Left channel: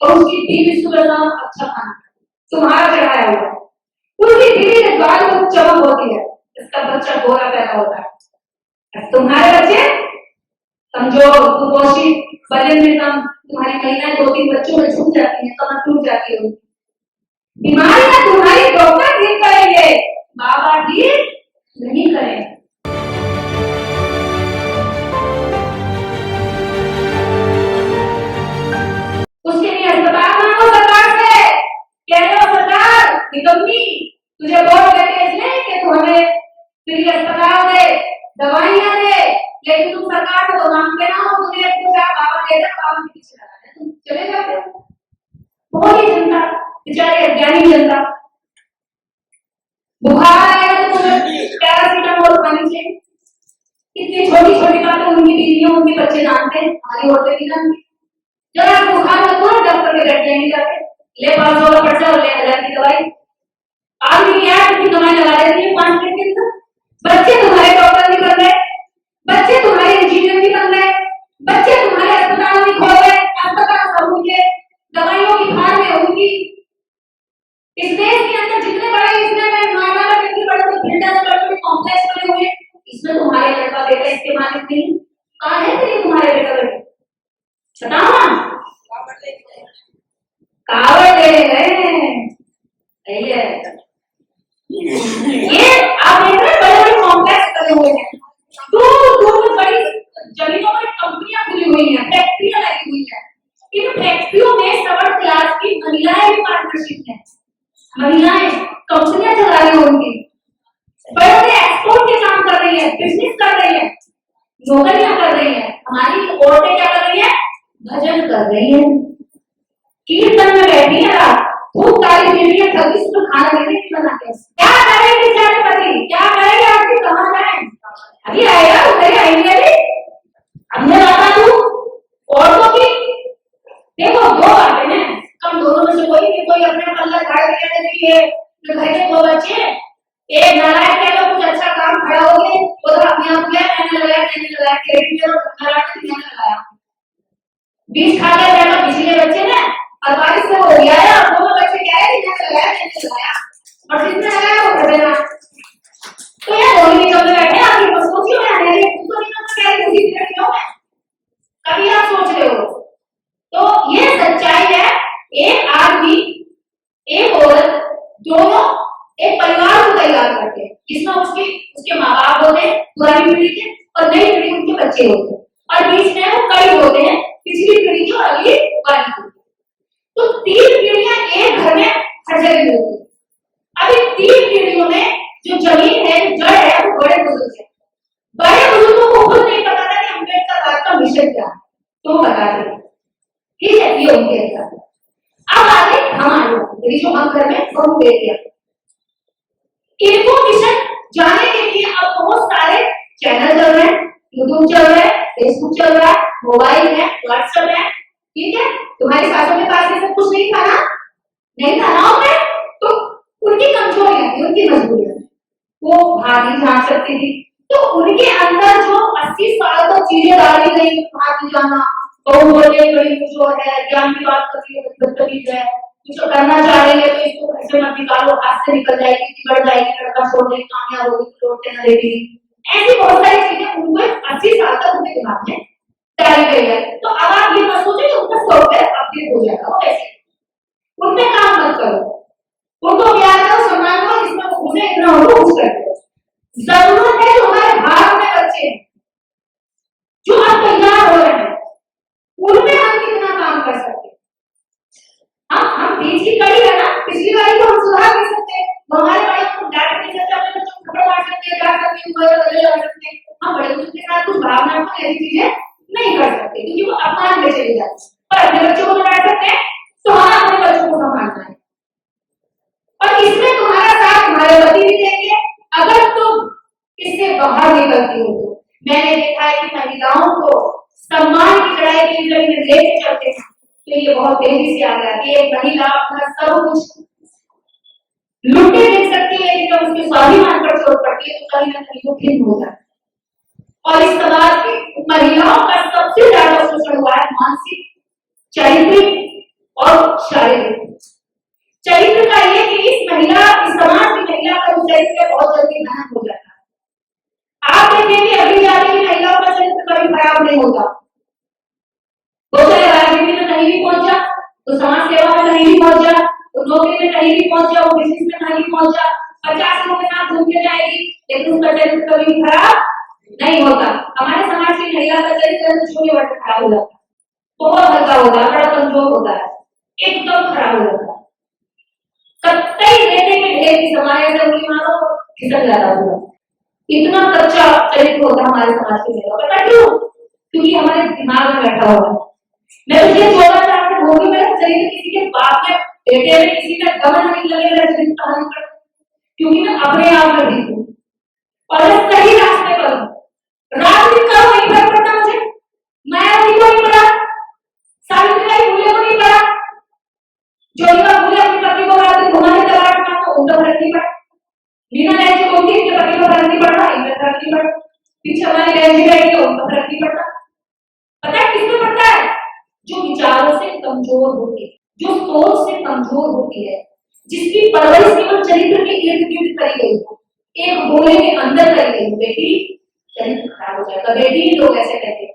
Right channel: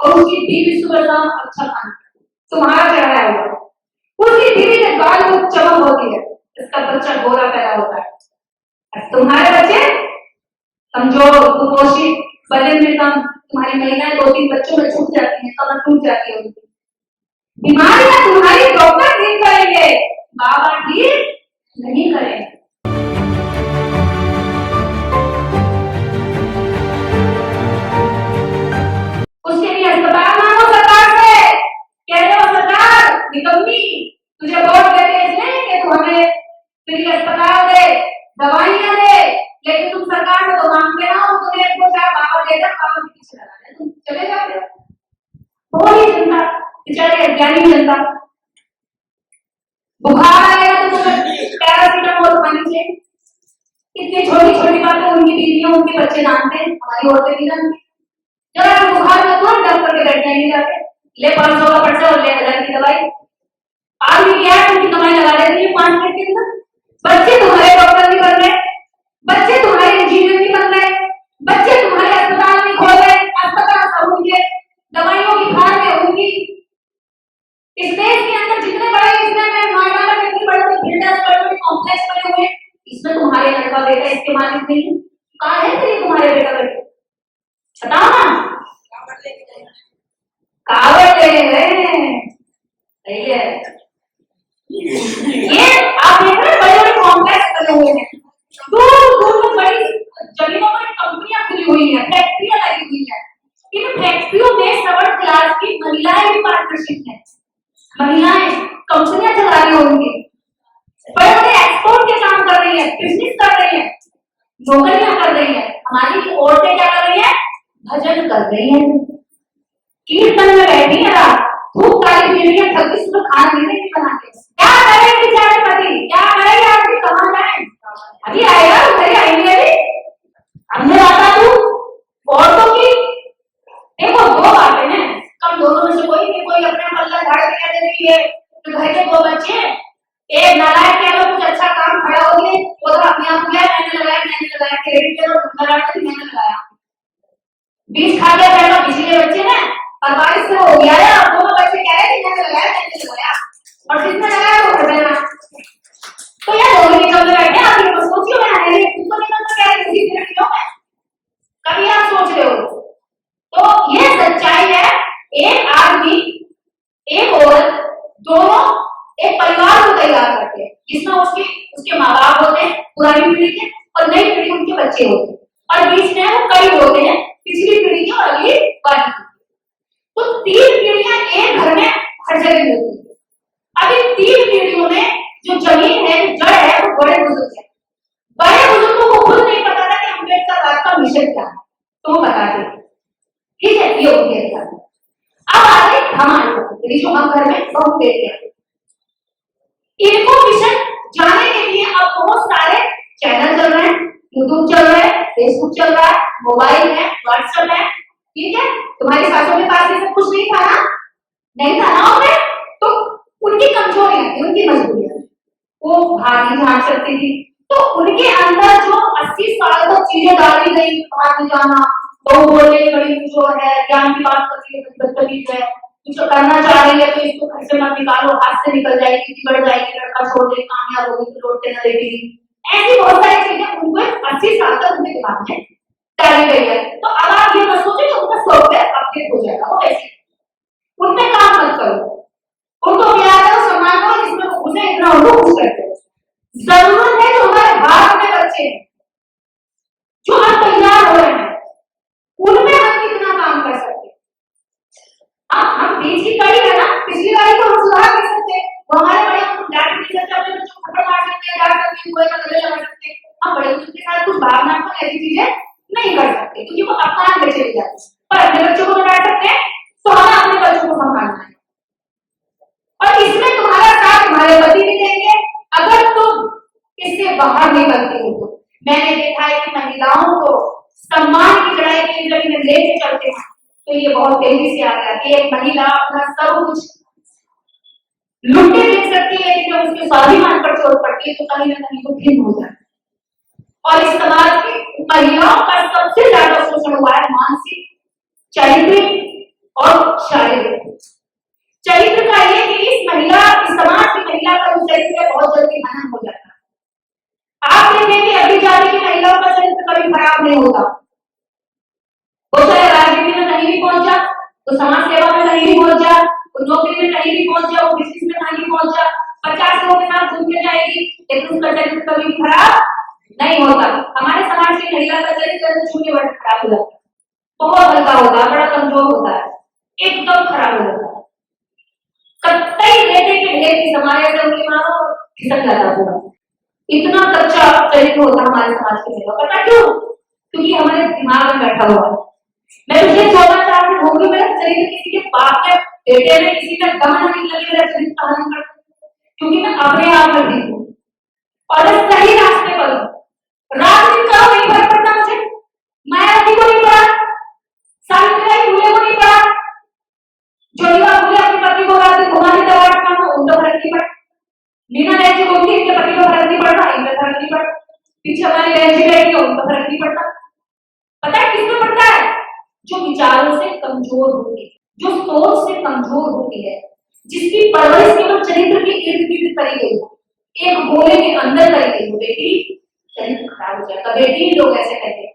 और उसकी बीवी सुबह शाम अच्छा खाना तुम्हारा चढ़ाया हुआ, उसकी बीवी के गाल को चमक होती है, इसका बच्चा गोरा पैदा होता है। तुम्हारे बच्चे कमजोर, कुपोषित, वजन में कम, तुम्हारी महिलाएं 2-3 बच्चों में छूट जाती है, कमर टूट जाती है उनकी। बीमारियां तुम्हारी डॉक्टर ठीक करेंगे, बाबा ठीक नहीं करेंगे। उसके लिए अस्पताल मांगो सरकार से, कह दो सरकार निकम्मी, तुझे वोट देते इसलिए कि तू हमें फ्री अस्पताल दे, दवाइयां दे, लेकिन तुम सरकार से तो मांगते ना हो, तुम्हें कुछ बाबा देगा, बाबा के पीछे लगा तुम चले जाते हो। थोड़ी जनता, बेचारे अज्ञानी जनता, बुखार आया तो तुम्हें पैरासीटामोल खानी चाहिए। इतनी छोटी छोटी बातें उनकी बीवियां उनके बच्चे जानते हैं, हमारी औरतें नहीं जानती। जरा बुखार में कौन डॉक्टर के बैठने नहीं जाते, ले 500 का पर्चा और ले 1000 की दवाई, आदमी क्या है उनकी कमाई लगा देती है 5 मिनट के अंदर। बच्चे तुम्हारे डॉक्टर नहीं बन रहे, बच्चे तुम्हारे इंजीनियर नहीं बन रहे, बच्चे तुम्हारे अस्पताल नहीं खोल रहे, अस्पताल सब उनके, दवाइयों की खान है उनकी। इस देश के अंदर जितने बड़े इसमें नोएडा में कितनी बड़ी बिल्डर्स बड़े कॉम्प्लेक्स बने हुए, इसमें तुम्हारे लड़का बेटा इसके मालिक नहीं। कहाँ है तेरे तुम्हारे बेटा बेटे, बताओ ना। कावड़ ले गए, सही है। ये आप देख रहे बड़े बड़े कॉम्प्लेक्स बने हुए हैं, दूर दूर बड़ी जमीनों पर कंपनियां खुली हुई हैं, फैक्ट्रियां लगी हुई हैं। इन फैक्ट्रियों में सबर्ड क्लास की महिलाएं भी पार्टनरशिप है, महिलाएं कंपनियां चला रही हैं उनकी, बड़े बड़े एक्सपोर्ट के काम कर रही है, बिजनेस कर रही है, नौकरियां कर रही है। हमारी औरतें क्या कर रही है, भजन कर रही है, कीर्तन में बैठी है, खूब सारी बीवियां थकी उसको खाना देने की बनाते हैं। क्या करेंगे बेचारे पति, क्या करेंगे, आपकी कहाँ जाए, अभी आएगा उधर आएंगे, अभी हमने बात तू औरतों की देखो दो बातें हैं, कम दोनों में से कोई नहीं, कोई अपने पल्ला झाड़ के कहते हैं तो घर के 2 बच्चे, एक नालायक कह लो कुछ अच्छा काम खड़ा हो गए, उधर अपने आप किया मैंने लगाया क्रेडिट ले लो, मैंने लगाया, बीज खा के कह लो किसी के बच्चे ने, और बारिश से हो गया है, दोनों बच्चे कह रहे हैं मैंने लगाया, और जिसने लगाया वो कर देना। तो यार दोनों निकल में बैठे, आप ये सोचिए मैं आने तुमको निकल में कह रही किसी तरह क्यों है, कभी आप सोच रहे हो। तो ये सच्चाई है, एक आदमी एक औरत दोनों एक परिवार को तैयार करते हैं, जिसमें उसके माँ बाप होते हैं पुरानी पीढ़ी के, और नई पीढ़ी उनके बच्चे होते हैं, और बीच में वो कई होते हैं पिछली पीढ़ी की और अगली वाली। तो 3 पीढ़ियां एक घर में हर जगह होती है। अभी 3 पीढ़ियों में जो जमीन है, जो जड़ है, वो बड़े बुजुर्ग है। बड़े बुजुर्गों को खुद नहीं पता था कि अम्बेडकर राज का मिशन क्या है, तो वो बता देते, ठीक है, ये उनके साथ। अब आगे हम आए जो हम घर में बहुत देते हैं, इनको मिशन जाने के लिए अब बहुत सारे चैनल चल रहे हैं, यूट्यूब चल रहा है, फेसबुक चल रहा है, मोबाइल है, व्हाट्सएप है, ठीक है। तुम्हारी सासों के पास ये कुछ नहीं था ना, नहीं था ना उन्हें, तो उनकी कमजोरियां थी, उनकी मजबूरियां, वो बाहर नहीं जा सकती थी, तो उनके अंदर जो 80 साल तक चीजें डाली गई, बाहर नहीं जाना, बहु बोले बड़ी जो है ज्ञान की बात करती है, बदतमीज है, कुछ करना चाह रही है तो इसको घर से मत निकालो, हाथ से निकल जाएगी, बिगड़ जाएगी, लड़का छोड़ देगी, कामयाब होगी तो लौटने न देगी, ऐसी बहुत सारी चीजें उनको 80 साल तक उनके दिमाग में डाली गई है। तो अब आप ये मत सोचो कि उनका सॉफ्टवेयर अपडेट हो जाएगा, वो ऐसे उनमें काम मत करो, उनको प्यार करो, सम्मान करो, जिसमें उन्हें इतना हो खुश करते हो। जरूरत है जो हमारे भारत में बच्चे हैं जो अब तैयार हो रहे हैं, उनमें हम कितना काम कर सकते हैं। हम बीच की कड़ी है ना, पिछली बारी को हम सुधार कर सकते हैं, वो हमारे बड़े डांट नहीं सकते, अपने बच्चों को थप्पड़ मार सकते हैं, डांट सकते हैं, गले लगा सकते हैं, हम बड़े बच्चों के साथ कुछ भावनात्मक ऐसी चीजें नहीं कर सकते क्योंकि वो अपमान में चली जाती है, पर अपने बच्चों को डांट सकते हैं, तो हमें अपने बच्चों को संभालना है, और इसमें तुम्हारा साथ तुम्हारे पति भी देंगे अगर तुम इससे बाहर निकलती हो। तो मैंने देखा है कि महिलाओं को सम्मान की चढ़ाई की गली में लेके चलते हैं तो ये बहुत तेजी से आ गया कि एक महिला अपना सब कुछ लुटे देख सकती है, लेकिन जब उसके स्वाभिमान पर चोट पड़ती है तो कहीं ना कहीं वो खिन्न हो जाता है। और इस समाज की महिलाओं का सबसे ज्यादा शोषण हुआ है मानसिक, शारीरिक और तो समाज सेवा में कहीं भी पहुंच जा, वो नौकरी में कहीं भी पहुंच जा, वो बिजनेस में कहीं भी पहुंच जा, 50 लोगों के साथ घूम के जाएगी, लेकिन उसका चरित्र कभी खराब नहीं होता। हमारे समाज की महिला का चरित्र शून्य वर्ष खराब हो जाता है, बहुत हल्का होता है, बड़ा कमजोर होता है, एकदम खराब हो जाता है। कई बेटे के ढेर की हमारे अंदर उंगली मारो खिसक जाता होगा, इतना कच्चा चरित्र होता है हमारे समाज के लोगों का। पता क्यों? क्योंकि हमारे दिमाग में बैठा हुआ है। मैं पिछले 14 साल से होगी, मेरा चरित्र किसी के बाप के बेटे में किसी का दमन नहीं लगे, मेरा चरित्र कहानी कर, क्योंकि मैं अपने आप में ठीक हूँ और मैं सही रास्ते पर हूँ। राजनीति का नहीं फर्क पड़ता मुझे, मायावती को नहीं पड़ा, सावित्रीबाई फुले को नहीं पड़ा, ज्योतिबा फुले अपने पति को रात में घुमाने का बात मानो, उनको फर्क नहीं पड़ा। मीना नेहरू को भी इसके पति को फर्क नहीं पड़ रहा, इनका फर्क नहीं पड़ा। पीछे हमारी बहन जी बैठी है, उनका फर्क नहीं पड़ता। पता है किसको पड़ता है? जो विचारों से कमजोर होती है, जो सोच से कमजोर होती है, जिसकी परवरिश केवल चरित्र के इर्द गिर्द करी गई हो, एक गोले के अंदर करी गई हो, बेटी चरित्र खराब हो जाएगा। बेटी लोग ऐसे कहते हैं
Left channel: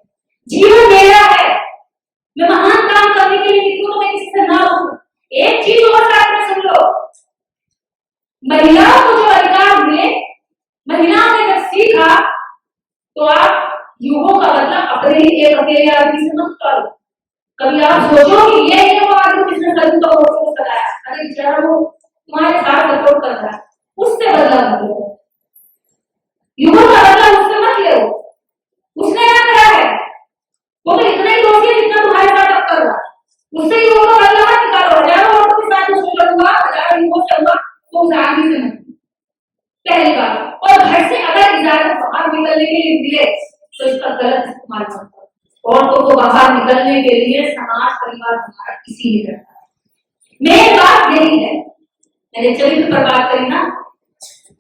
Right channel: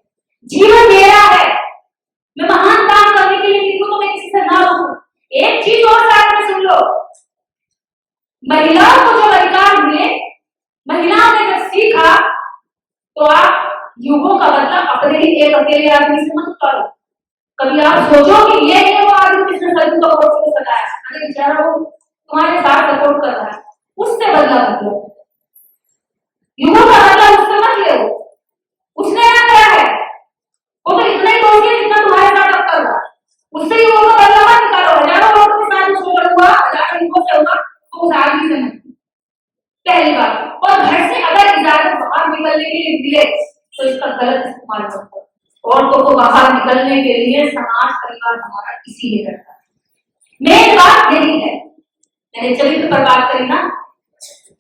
जीवन मेरा है, मैं महान काम करने के लिए निकलूं तो मैं किसी से ना हूं। एक चीज और साथ में सुन लो, महिलाओं को जो अधिकार मिले, महिलाओं ने जब सीखा, तो आप युगों का बदला अपने ही एक अकेले आदमी से मत करो। कभी आप सोचो कि ये वो आदमी जिसने सभी को सताया, अरे बेचारा वो तुम्हारे साथ सपोर्ट कर रहा है, उससे बदला मत लो। युगों का बदला उससे मत लो, उसने क्या करा है, वो तो इतना ही दोषी है जितना तुम्हारे साथ अब कर रहा है, उससे युगों का बदला मत निकालो। हजारों लोगों के साथ उसको हुआ, हजारों युगों से हुआ, तो उस आदमी से मत। पहली बात, और घर से अगर इजाजत बाहर निकलने के लिए मिले तो इसका गलत इस्तेमाल मत करो। औरतों को बाहर निकलने के लिए समाज परिवार हमारा इसीलिए करता है। मेरी बात यही है, मैंने चरित्र पर बात करी ना,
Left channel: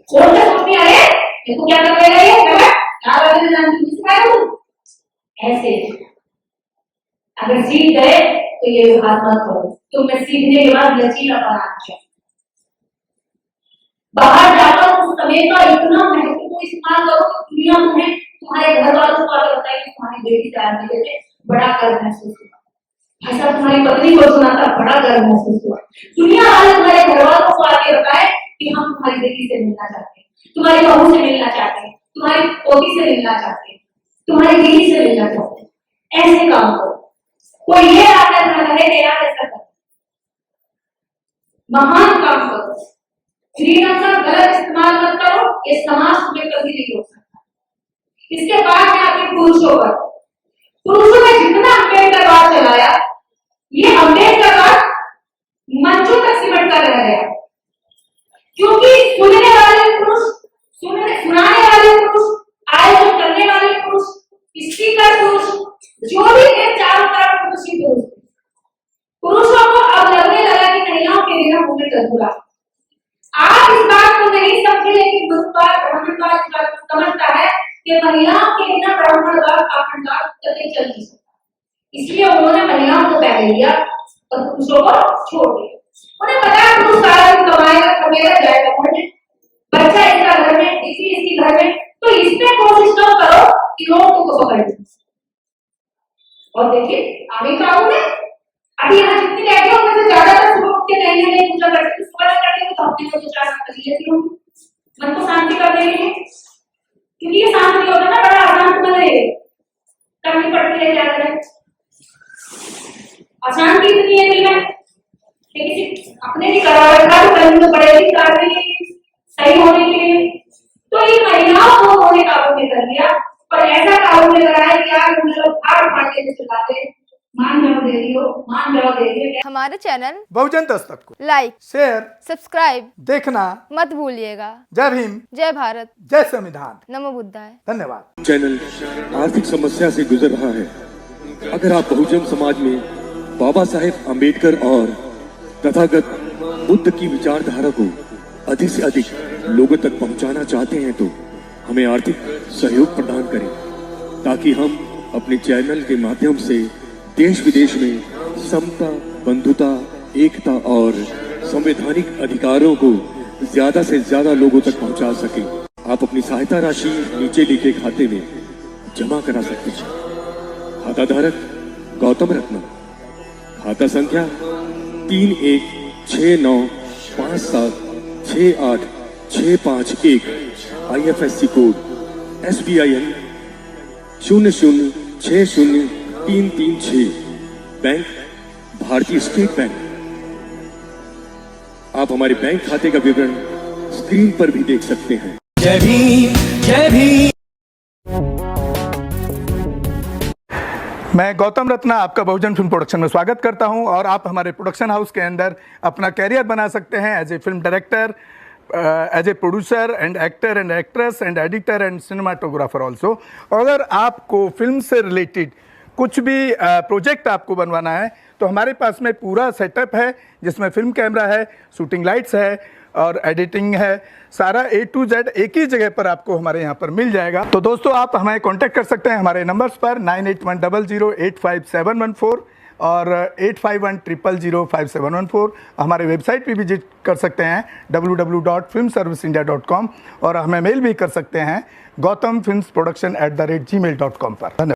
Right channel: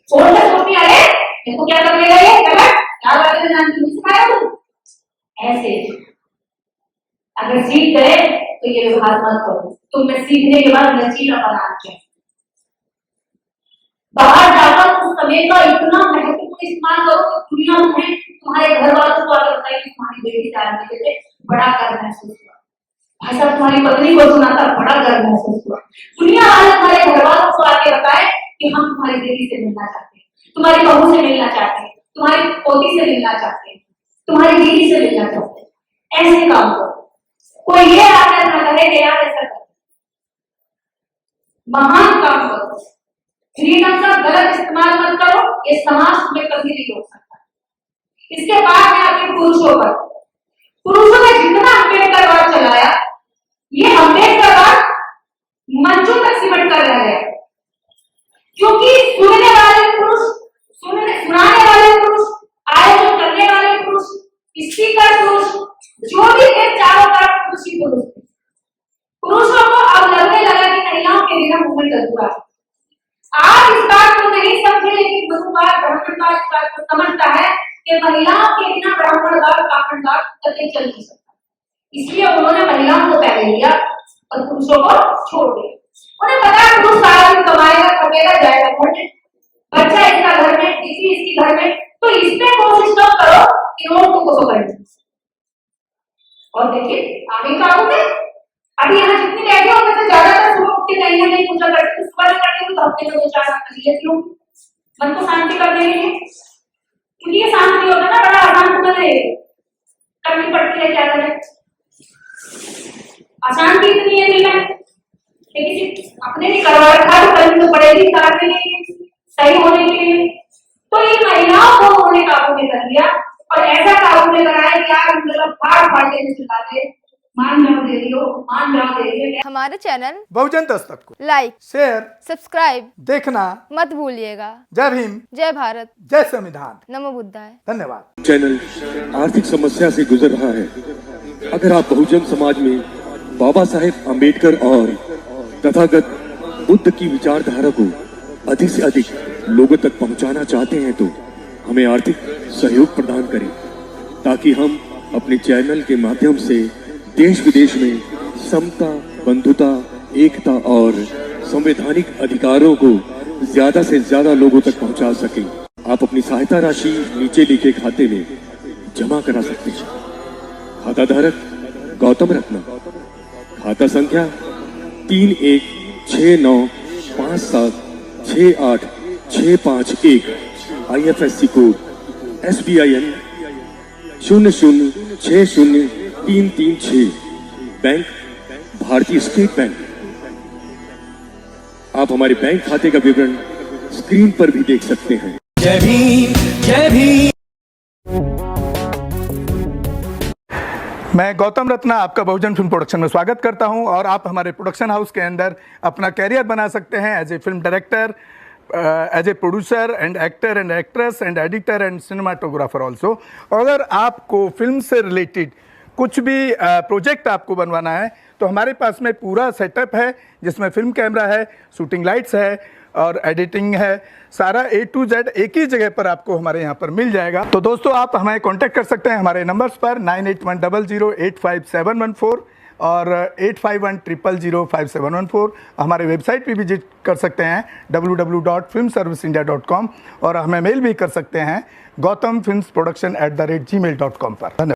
कौन सा सोचती है देखो क्या कर लेगा ये गलत, चार वाले ने जान के सिखाया हूं ऐसे। अगर सीख गए तो ये व्यवहार मत करो, तुम्हें सीखने के बाद लचीला बनाना चाहिए। बाहर जाकर उस समय का इतना महत्वपूर्ण इस्तेमाल करो कि दुनिया में तुम्हारे घर वालों को आगे बताइए कि तुम्हारी बेटी तैयार नहीं देते, बड़ा गर्व महसूस हुआ। भाई साहब तुम्हारी पत्नी को सुनाता, बड़ा गर्व महसूस हुआ। दुनिया वाले तुम्हारे घर वालों को आगे बताए कि हम तुम्हारी बेटी से मिलना चाहते हैं, तुम्हारी बहू से मिलना चाहते हैं, तुम्हारी पोती से मिलना चाहते हैं, तुम्हारी बीवी से मिलना चाहते हैं। ऐसे काम करो, कोई ये आदत न करे यार ऐसा करो, महान काम करो। फ्रीडम का गलत इस्तेमाल मत करो, ये समाज तुम्हें कभी नहीं रोक सकता। इसके बाद में आते पुरुषों पर, पुरुषों ने जितना अम्बेडकरवाद चलाया, ये अम्बेडकरवाद मंचों तक सिमट कर रह गया, क्योंकि सुनने वाले पुरुष, सुनाने वाले पुरुष, आयोजन करने वाले पुरुष, स्पीकर पुरुष, जो भी है चारों तरफ पुरुष ही पुरुष। पुरुषों को अब लगने लगा कि महिलाओं के बिना मूवमेंट अधूरा। आप इस बात को नहीं समझे, लेकिन ब्रह्मवाद ब्राह्मणवाद इस बात को समझता है कि महिलाओं के बिना ब्राह्मणवाद ब्राह्मणवाद कभी चल नहीं सकता। इसलिए उन्होंने महिलाओं को पहले लिया और पुरुषों को छोड़ दिया। उन्हें पता है पुरुष सारा दिन कमाएगा, कमेगा, जाएगा घर में, बच्चा इसका घर में, इसकी घर में, तो इसमें कोशिश न करो कि औरतों को पकड़ लो। और देखिए आगे का में अभी यहाँ जितनी बैठी हो मैं ज्यादातर सुबह उठ के नहीं पूछा करती, सुबह करती हूँ तो हफ्ते में 2-4 कर लेती हूँ, मन को शांति करने के लिए, क्योंकि ये शांति होता है ना, बड़ा आसान तुम्हें करनी पड़ती है। क्या करें, अशांति इतनी है नहीं है, लेकिन अपने भी करवा रखा तो करनी तो पड़ेगी सही होने के लिए। तो ये महिलाओं को उन्होंने काबू में कर लिया और ऐसा काबू में कराया कि यार मतलब फाड़ के चिल्लाते मान जाओ दे रही हो, मान जाओ दे रही है। हमारे चैनल बहुजन दस्तक को लाइक, शेयर, सब्सक्राइब देखना मत भूलिएगा। जय भीम, जय भारत, जय संविधान, नमो बुद्धाय। धन्यवाद। चैनल आर्थिक समस्या से गुजर रहा है। अगर आप बहुजन समाज में बाबा साहेब अम्बेडकर और तथागत बुद्ध की विचारधारा को अधिक से अधिक लोगों तक पहुंचाना चाहते हैं तो हमें आर्थिक सहयोग प्रदान करें, ताकि हम अपने चैनल के माध्यम से देश विदेश में समता, बंधुता, एकता और संवैधानिक अधिकारों को ज्यादा से ज्यादा लोगों तक पहुंचा सकें। आप अपनी सहायता राशि नीचे लिखे खाते में जमा करा सकते हैं। खाता धारक गौतम रत्ना, खाता संख्या 3169576861 IFSC कोड SBIN 0060336 बैंक भारतीय स्टेट बैंक। आप हमारे बैंक खाते का विवरण स्क्रीन पर भी देख सकते हैं। जय भीम जय भीम। मैं गौतम रत्ना आपका बहुजन फिल्म प्रोडक्शन में स्वागत करता हूं और आप हमारे प्रोडक्शन हाउस के अंदर अपना कैरियर बना सकते हैं as a film director, as a producer and actor and actress and editor and cinematographer also. अगर आपको फिल्म से रिलेटेड कुछ भी प्रोजेक्ट आपको बनवाना है तो हमारे पास में पूरा सेटअप है जिसमें फिल्म कैमरा है, शूटिंग लाइट्स है और एडिटिंग है। सारा A to Z एक ही जगह पर आपको हमारे यहाँ पर मिल जाएगा। तो दोस्तों आप हमें कांटेक्ट कर सकते हैं हमारे नंबर्स पर 9810085714 और 8510005714। हमारे वेबसाइट पे विजिट कर सकते हैं www.filmserviceindia.com और हमें मेल भी कर सकते हैं gautamfilmsproduction@gmail.com पर। धन्यवाद।